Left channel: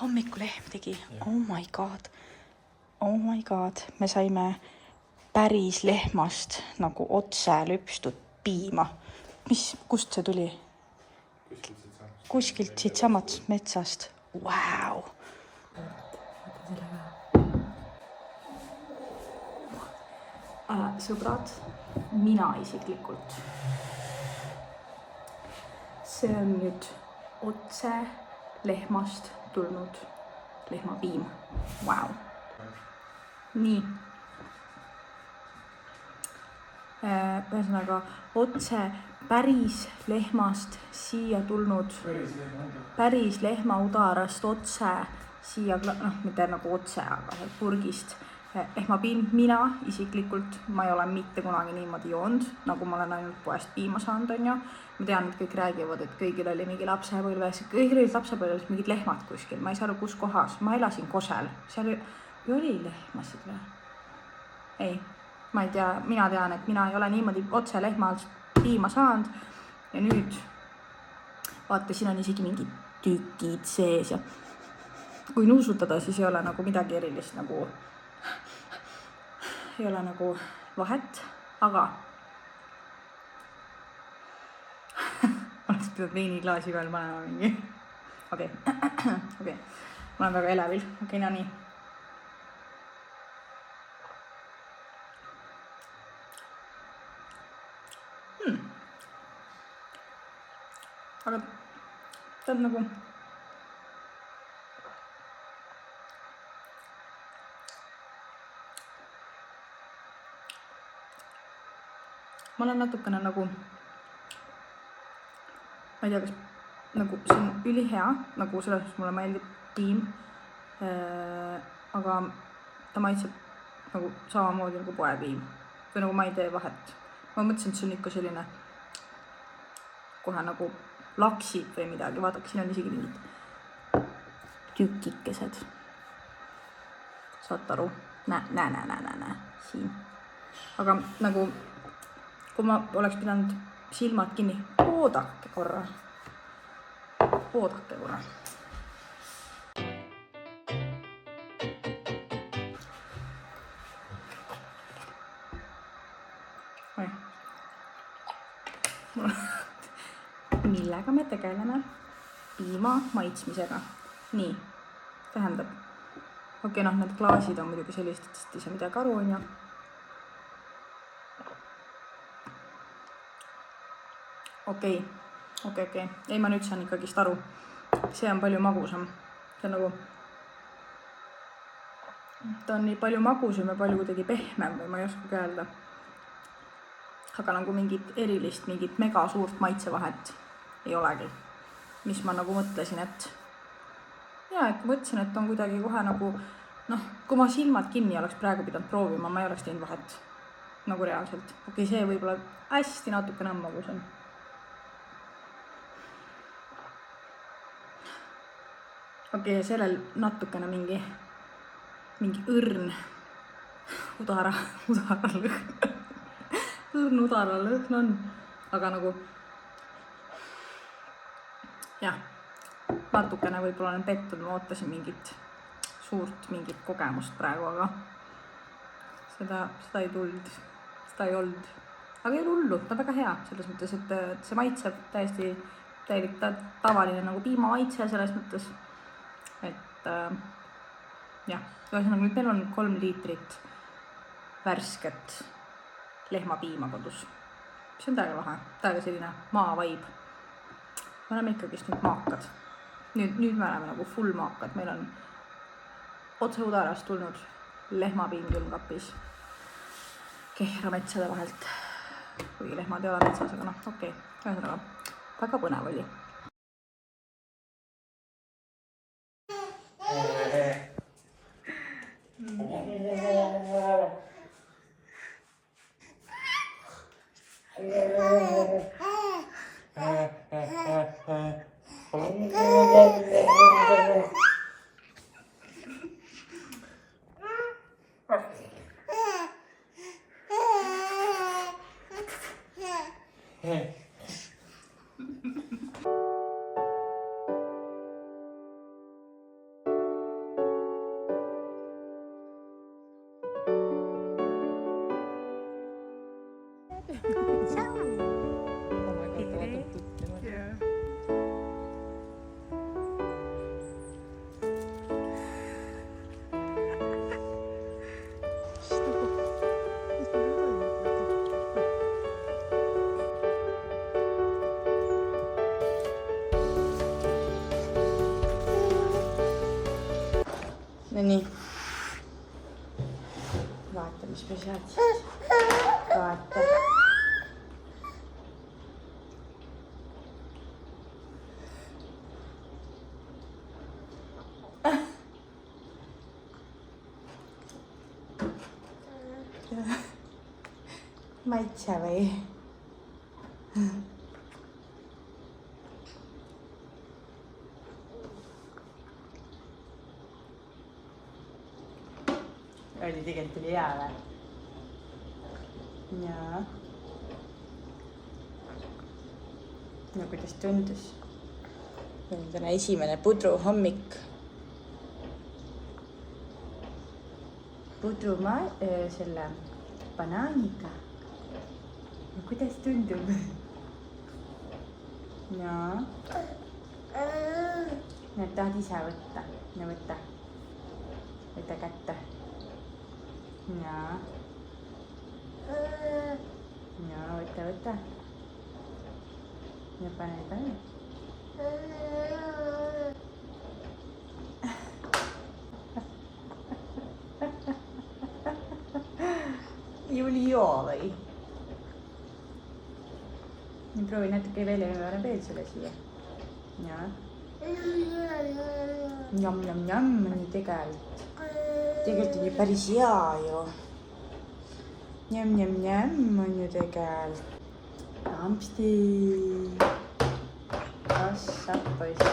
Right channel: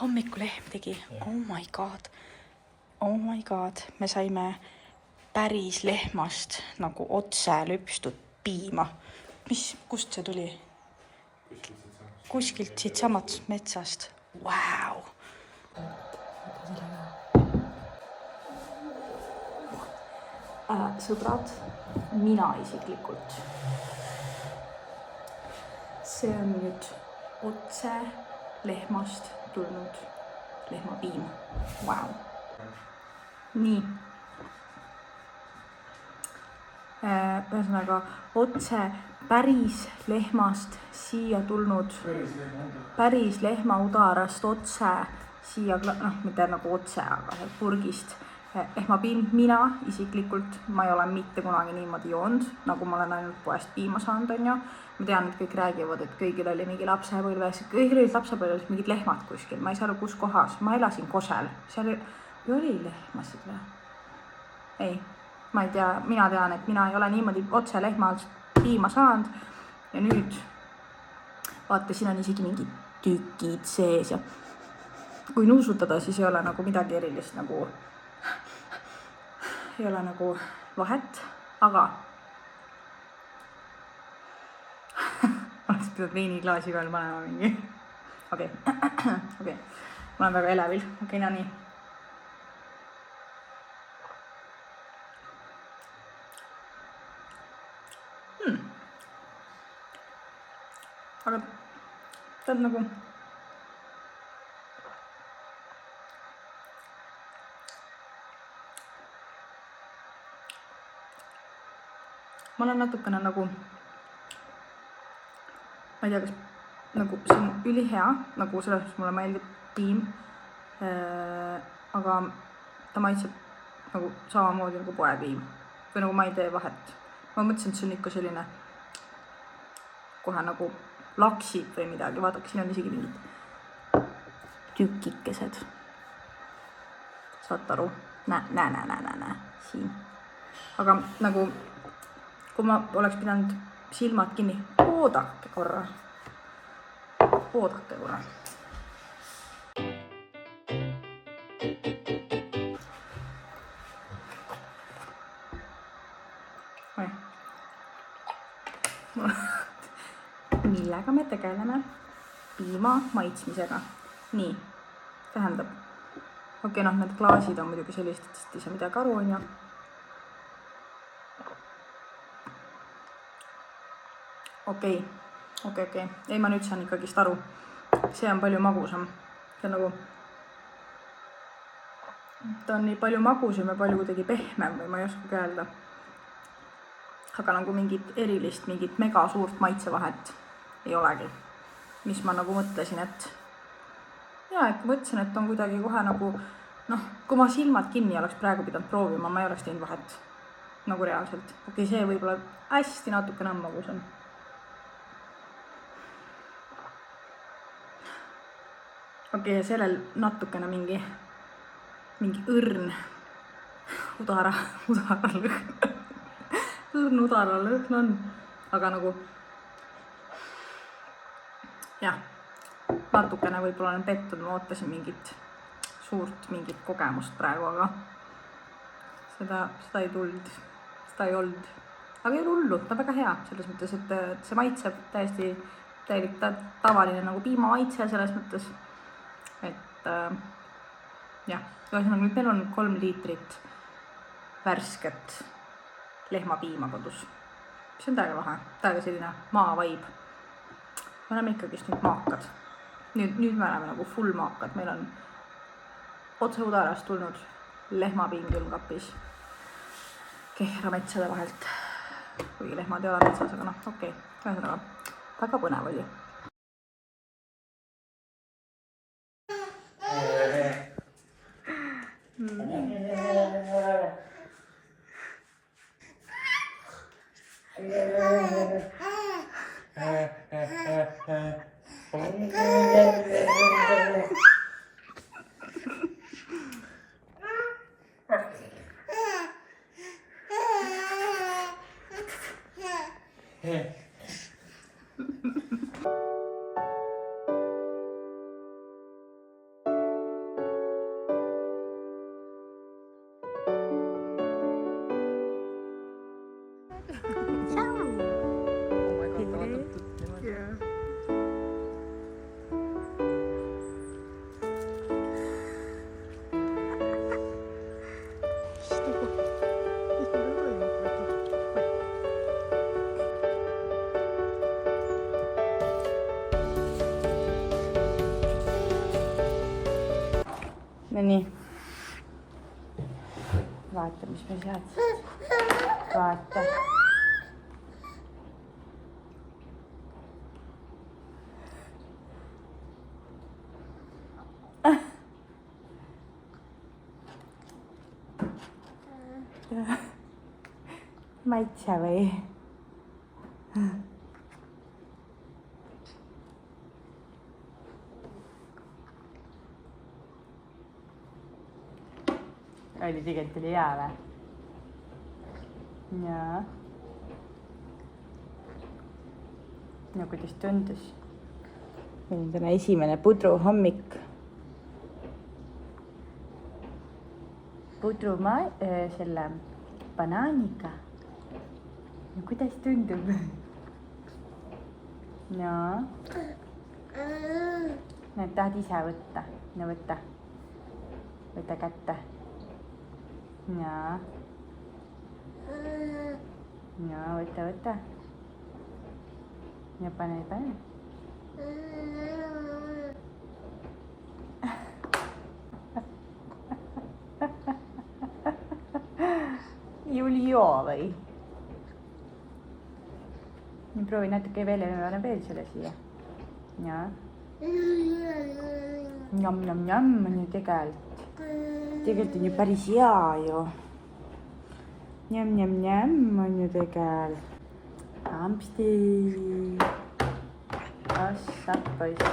hommikulehm tegi, oh my god, me saime päris lehmast nagu otse lüpstud piima. Kust see tuli? Kuskilt siit samast metsast. Wow. Sõbrad, mina isiklikult. See on nüüd otse lehmast tulnud lehmapiim. Wow. Nii. Ühesõnaga, otse päris lehmast siia tulnud, päris lehmaudarast otse siia, mitte nagu otse, aga purgist lehmapiim. Mina isiklikult, ma ei ole mitte kunagi niimoodi joonud, nagu ma olen ainult poest piima saanud, on ju. Ma tean, et kõik räägivad, et kõigil oli mingi lapsepõlves, kõigil olid lapsepõlves mingid lehmad kuskil, ma ei saa aru, kus kohas, ma elasin Kosel, seal oli lehmasid või? Ei. Ma ei tea, mina tean, et mina ei ole niimoodi otse lehmalt piima saanud ja nüüd vaata, siin on isegi mingid tükid sees ja kui nuusutada, siis ei ole nagu midagi erilist, nagu ei ole nagu vahet, aga oleks pidanud veiniklaasi veel panema mingi. Okei. Ma olen väga elevil. Okei, no nii. Aga ta on nagu ma olen natukene nagu ma ei tea, kas nagu see on ülihea, nagu selles mulle meeldib piim, aga ta maitseb nagu samamoodi nagu poepiim või nagu ma ei tee vahet. Ma mõtlesin, et see on ikka selline kohe nagu laksid või midagi, vaadake, siin on isegi mingid tükikesed. Saad aru? Näe, siin. Aga nagu, kui ma oleks pidanud silmad kinni, oodake korra. Millega me tegeleme? Piima maitsmisega. Nii, tähendab. Okei, need klaasid on muidugi sellist, et ei saa midagi aru, on ju. Okei. Ei, ma nüüd saan ikkagist aru. See on palju magusam. See on nagu ta on nii palju magusam ja palju kuidagi pehmem või ma ei oska öelda. Aga nagu mingit erilist, mingit mega suurt maitsevahet ei olegi. Mis ma nagu mõtlesin, et mõtlesin, et on kuidagi kohe nagu kui ma silmad kinni oleks praegu pidanud proovima, ma ei oleks teinud vahet. Nagu reaalselt. Okei, see võib-olla hästi natukene on magusam. Okei, sellel natukene mingi õrn udara lõhn. Õrn udara lõhn on. Aga nagu natukene võib-olla olen pettud, ma ootasin mingit kogemust praegu, aga seda ei tulnud, seda ei olnud. Aga ei ole hullu, ta on väga hea selles mõttes, et see maitseb täiesti tavaline nagu piima maitse selles mõttes, et ühesõnaga nüüd meil on 3 liitrit värsket lehmapiima kodus. See on täiega lahe, täiega selline maavaib. Me oleme ikkagist nüüd maakad. Nüüd me oleme nagu full maakad. Meil on otse udarast tulnud lehmapiim külmkapis Kehra metsade vahelt. Kuigi lehmad ei ole metsas, aga okei. Ühesõnaga, väga põnev oli. No nii. Vaata, mis me sealt siis. Vaata. Maitse või? Oli tegelikult oli hea või? Jaa. No kuidas tundus? Nüüd on esimene pudruhommik. Selle banaaniga. No kuidas tundub? Jaa. Need tahad ise võtta? No võta. Võta kätte. Jaa. Jaa, võta. Ja pane. Juli joo või? Nii proovi natuke veel ja me veel selle siia. Jaa. Njam, nii tegelikult. Tegelikult on ju päris hea ju. Njam, on ju tegelikult. Ampsti. Kassab poiss.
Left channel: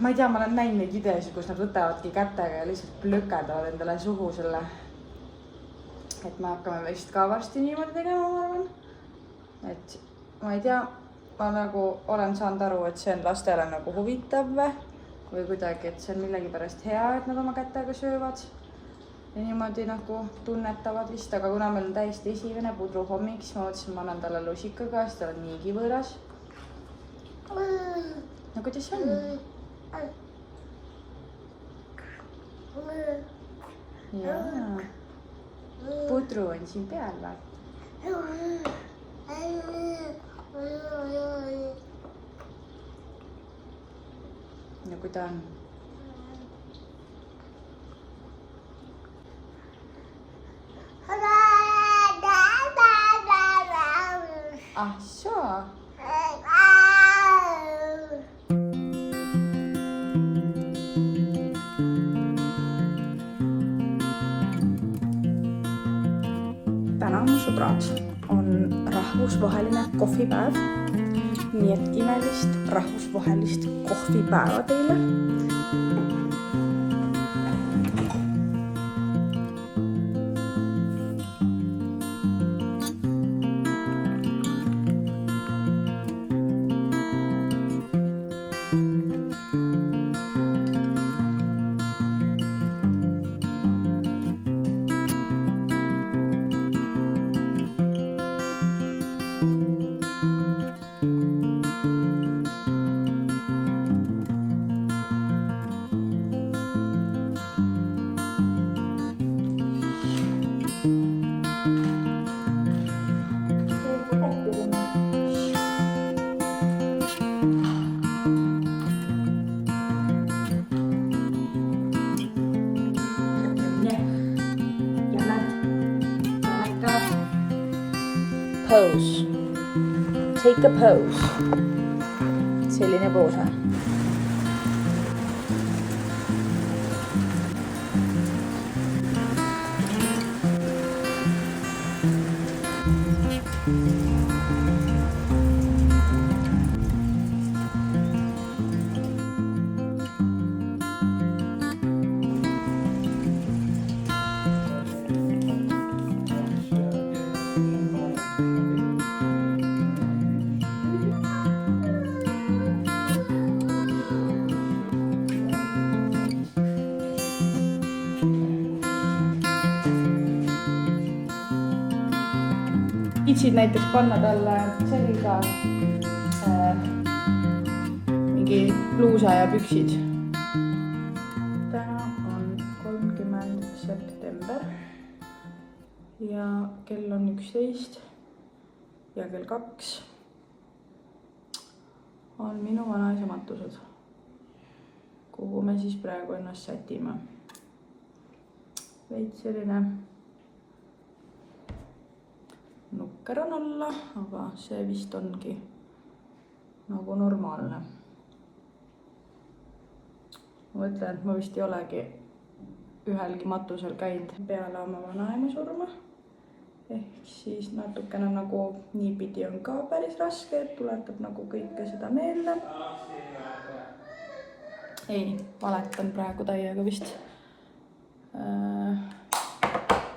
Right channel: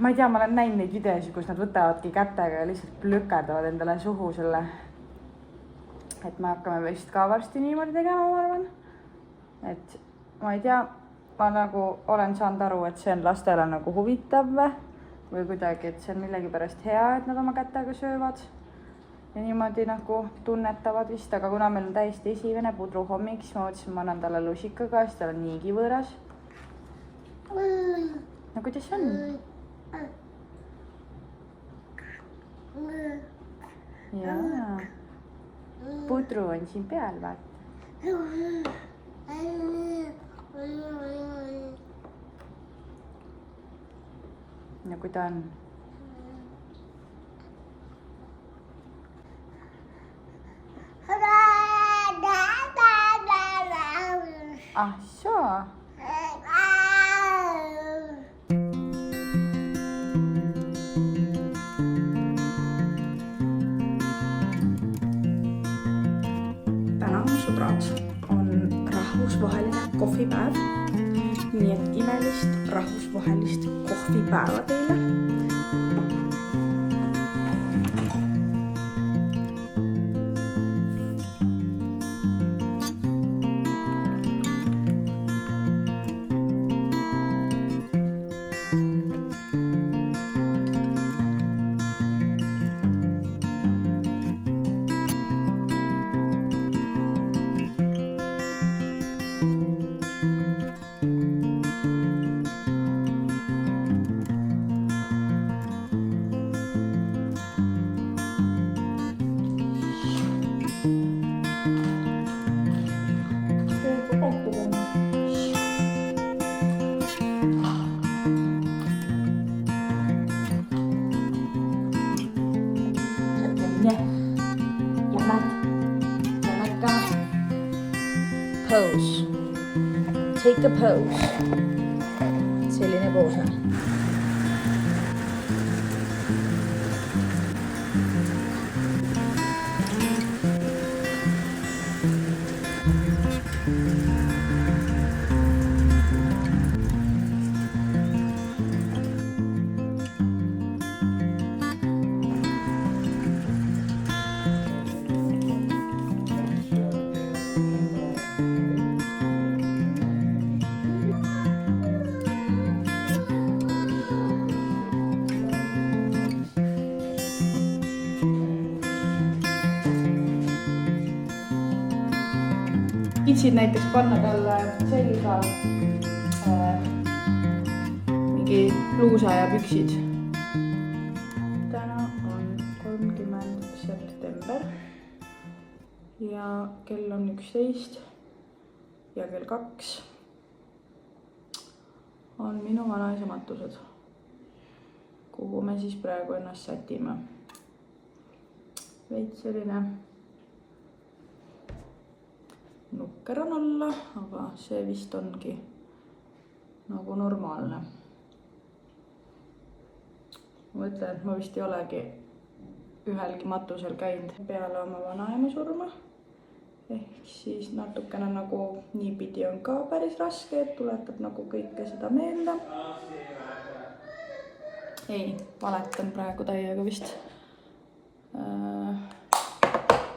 Ma ei tea, ma olen näinud neid videosid, kus nad võtavadki kätega ja lihtsalt plükerdavad endale suhu selle. Et me hakkame vist ka varsti niimoodi tegema, ma arvan. Et ma ei tea, ma nagu olen saanud aru, et see on lastele nagu huvitav või kuidagi, et see on millegipärast hea, et nad oma kätega söövad ja niimoodi nagu tunnetavad vist, aga kuna meil on täiesti esimene pudruhommik, siis ma mõtlesin, ma annan talle lusikaga, sest tal on niigi võõras. No kuidas on? Jaa. Pudru on siin peal, vaata. No kui ta on? Ah, soo. Täna, mu sõbrad, on rahvusvaheline kohvipäev. Nii et imelist rahvusvahelist kohvipäeva teile. Pose. Take a pose. Selline poos. Kitsid näiteks panna talle selga mingi bluusa ja püksid. Täna on 30. september ja kell on 11 ja kell 2 on minu vanaisa matused. kuhu me siis praegu ennast sätime. Veits selline nukker on olla, aga see vist ongi nagu normaalne. Ma mõtlen, et ma vist ei olegi ühelgi matusel käinud peale oma vanaema surma. Ehk siis natukene nagu niipidi on ka päris raske, et tuletab nagu kõike seda meelde. Ei, valetan praegu täiega vist.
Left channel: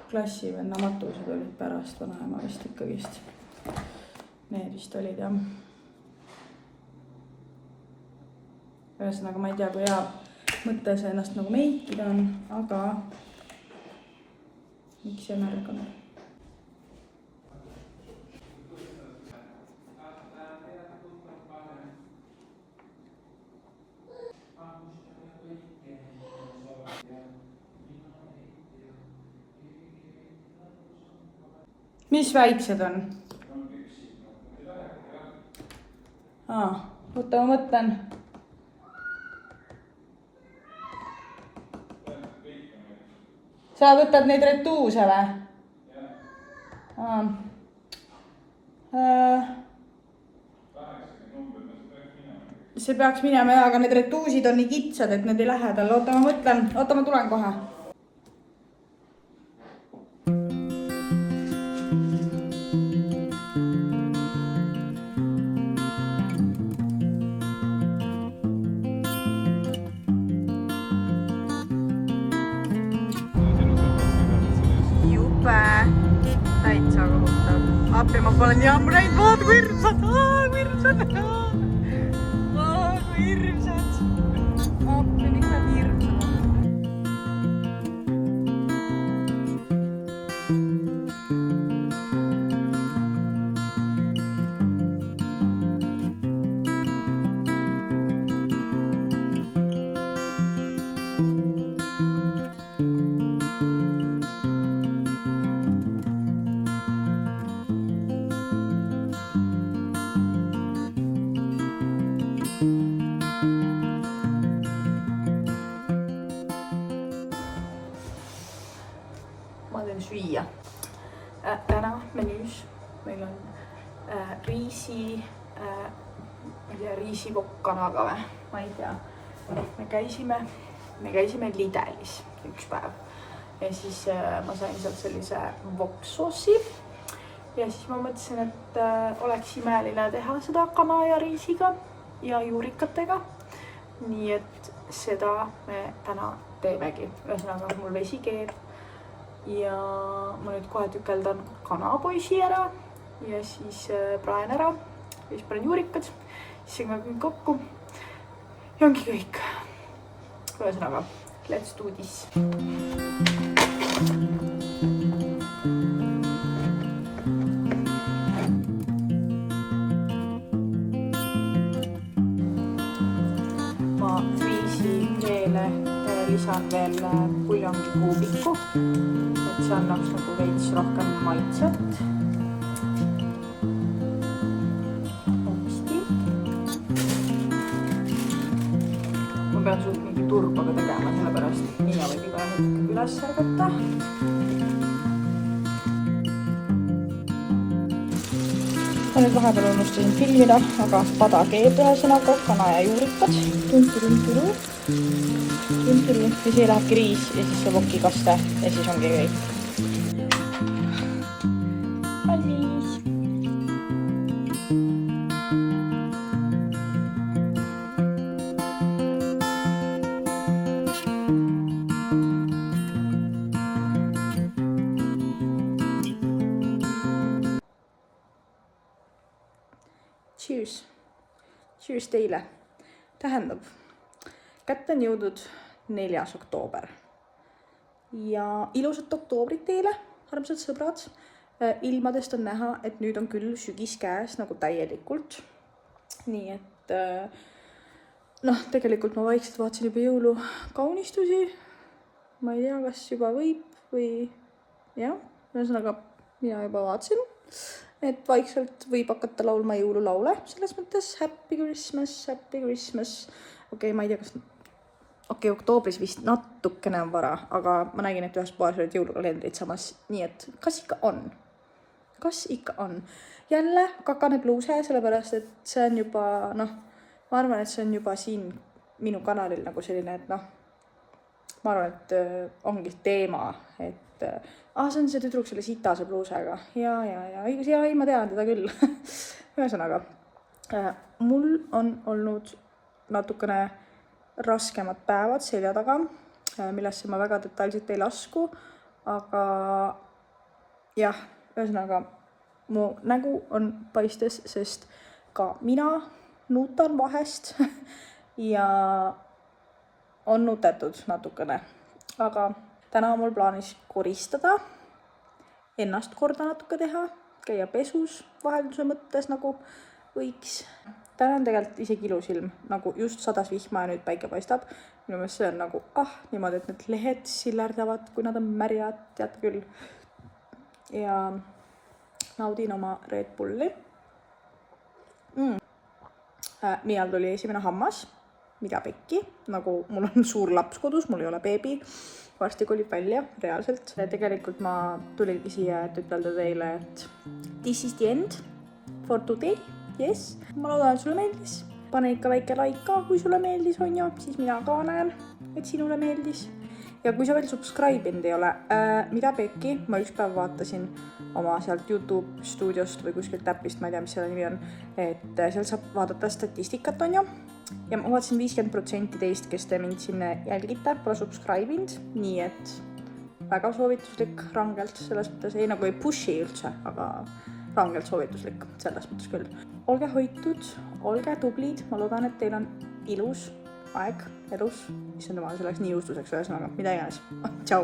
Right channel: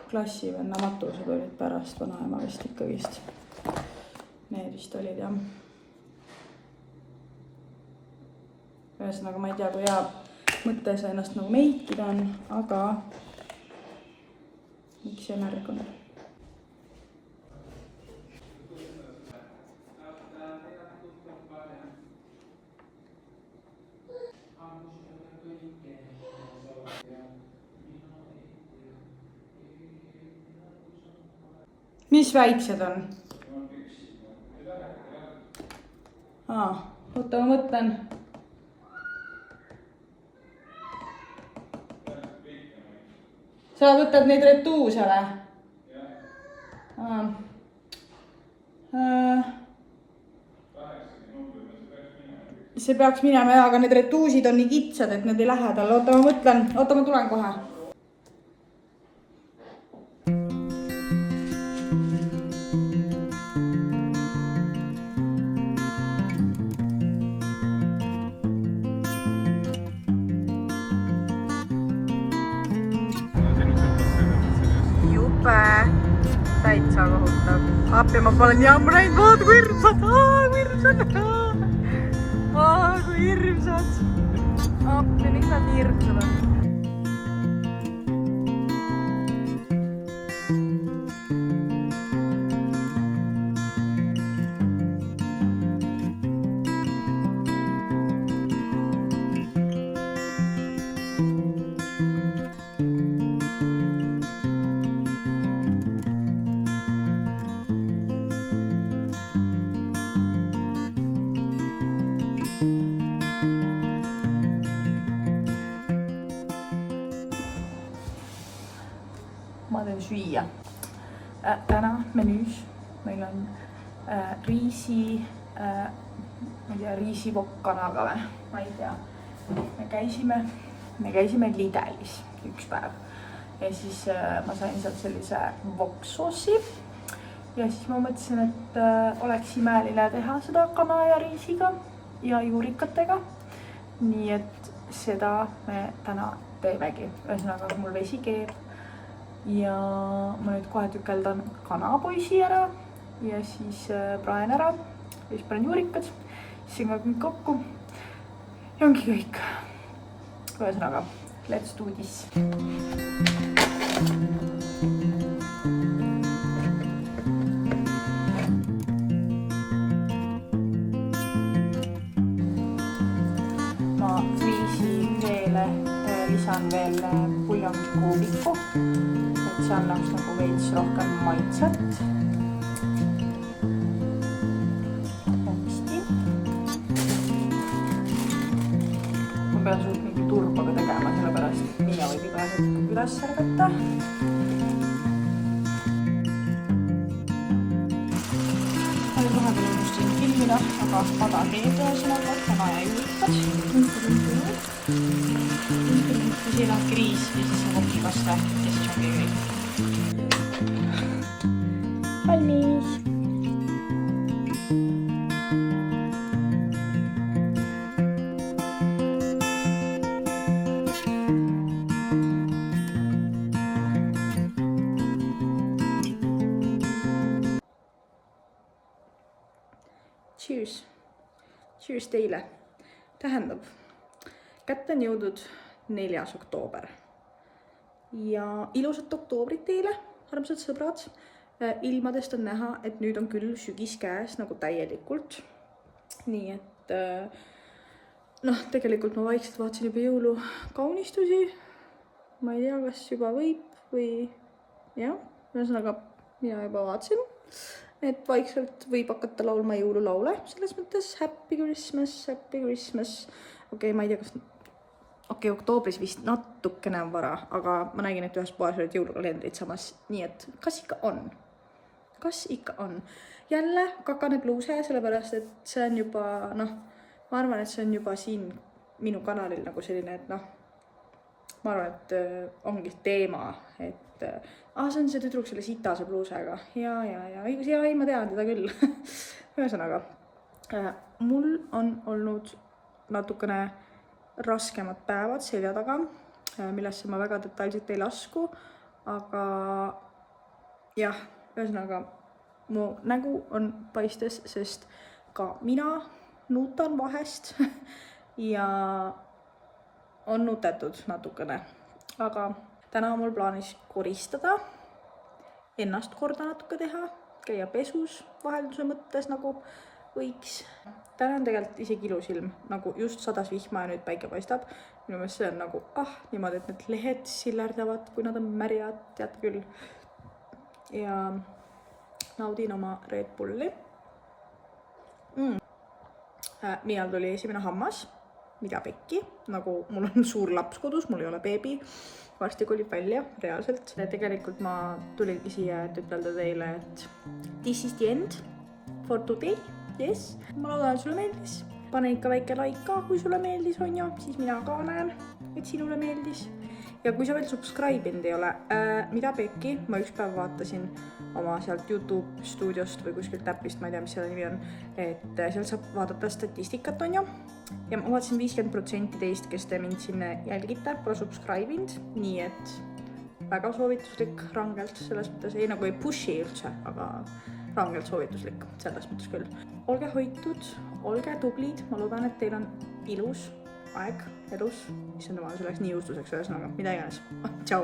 Klassivenna matused olid pärast vanaema vist ikkagist. Need vist olid jah. Ühesõnaga ma ei tea, kui hea mõte see ennast nagu meikida on, aga miks see märg on? Mis väiksed on? Oota, ma mõtlen. Sa võtad neid retuuse või? See peaks minema, aga need retuusid on nii kitsad, et need ei lähe tal. Oota, ma mõtlen. Oota, ma tulen kohe. Täitsa kohutav. Appi ma pole nii ammu näinud, vaata kui hirmsad! Kui hirmsad! Appi, miks nad hirmsad on? Süüa. Täna menüüs meil on riisivokk kanaga või? Ma ei tea. Me käisime Lidelis üks päev ja siis ma sain sealt sellise vokssoossi ja siis ma mõtlesin, et oleks imeline teha seda kana ja riisiga ja juurikatega. Nii et seda me täna teemegi. Ühesõnaga mul vesi keeb. Ja ma nüüd kohe tükeldan kanapoisi ära ja siis praen ära ja siis panen juurikad, siis segame kõik kokku ja ongi kõik. Ühesõnaga, let's do this. Ma friisi veele lisan veel puljongi kuubiku, et see annaks nagu veits rohkem maitset. Hästi. Ma pean suht mingi turbaga tegema, sellepärast Miia võib iga hetk üles ärgata. Ma nüüd vahepeal unustasin filmida, aga pada keeb ühesõnaga, kana ja juurikad. Ja siia lähebki riis ja siis see vokikaste ja siis ongi kõik. Valmis! Cheers! Cheers teile! Tähendab, kätte on jõudnud 4. oktoober ja ilusat oktoobrit teile, armsad sõbrad. Ilmadest on näha, et nüüd on küll sügis käes nagu täielikult. Nii et tegelikult ma vaikselt vaatasin juba jõulukaunistusi. Ma ei tea, kas juba võib või jah, ühesõnaga mina juba vaatasin, et vaikselt võib hakata laulma jõululaule. Selles mõttes Happy Christmas, Happy Christmas. Okei, ma ei tea, kas okei, oktoobris vist natukene on vara, aga ma nägin, et ühes poes olid jõulukalendrid samas, nii et kas ikka on. Jälle kakane pluuse, sellepärast, et see on juba, ma arvan, et see on juba siin minu kanalil nagu selline, et ma arvan, et ongi teema, et see on see tüdruk selle sitase pluusega. Ja, ei, ma tean teda küll. Ühesõnaga, mul on olnud natukene raskemad päevad selja taga, millesse ma väga detailselt ei lasku, aga jah, ühesõnaga, mu nägu on paistes, sest ka mina nuutan vahest ja on nutetud natukene, aga täna on mul plaanis koristada, ennast korda natuke teha, käia pesus vahelduse mõttes nagu võiks. Täna on tegelikult isegi ilus ilm, nagu just sadas vihma ja nüüd päike paistab. Minu meelest see on nagu, niimoodi, et need lehed sillerdavad, kui nad on märjad, teate küll. Ja naudin oma Red Bulli. Millal tuli esimene hammas, mida pekki, nagu mul on suur laps kodus, mul ei ole beebi, varsti kolib välja, reaalselt. Tegelikult ma tulingi siia, et ütelda teile, et this is the end for today. Yes, ma loodan, et sulle meeldis. Pane ikka väike like ka, kui sulle meeldis, on ju, siis mina ka näen, et sinule meeldis. Ja kui sa veel subscribe'inud ei ole, mida pekki, ma üks päev vaatasin oma sealt YouTube stuudiost või kuskilt täppist, ma ei tea, mis selle nimi on, et seal saab vaadata statistikat, on ju. Ja ma vaatasin 50% teist, kes te mind siin jälgite, pole subscribe'inud, nii et väga soovituslik rangelt, selles mõttes ei nagu ei pushi üldse, aga rangelt soovituslik, selles mõttes küll. Olge hoitud, olge tublid, ma loodan, et teil on ilus aeg elus, mis on tema selleks nii juustuseks ühesõnaga, mida iganes. Tšau!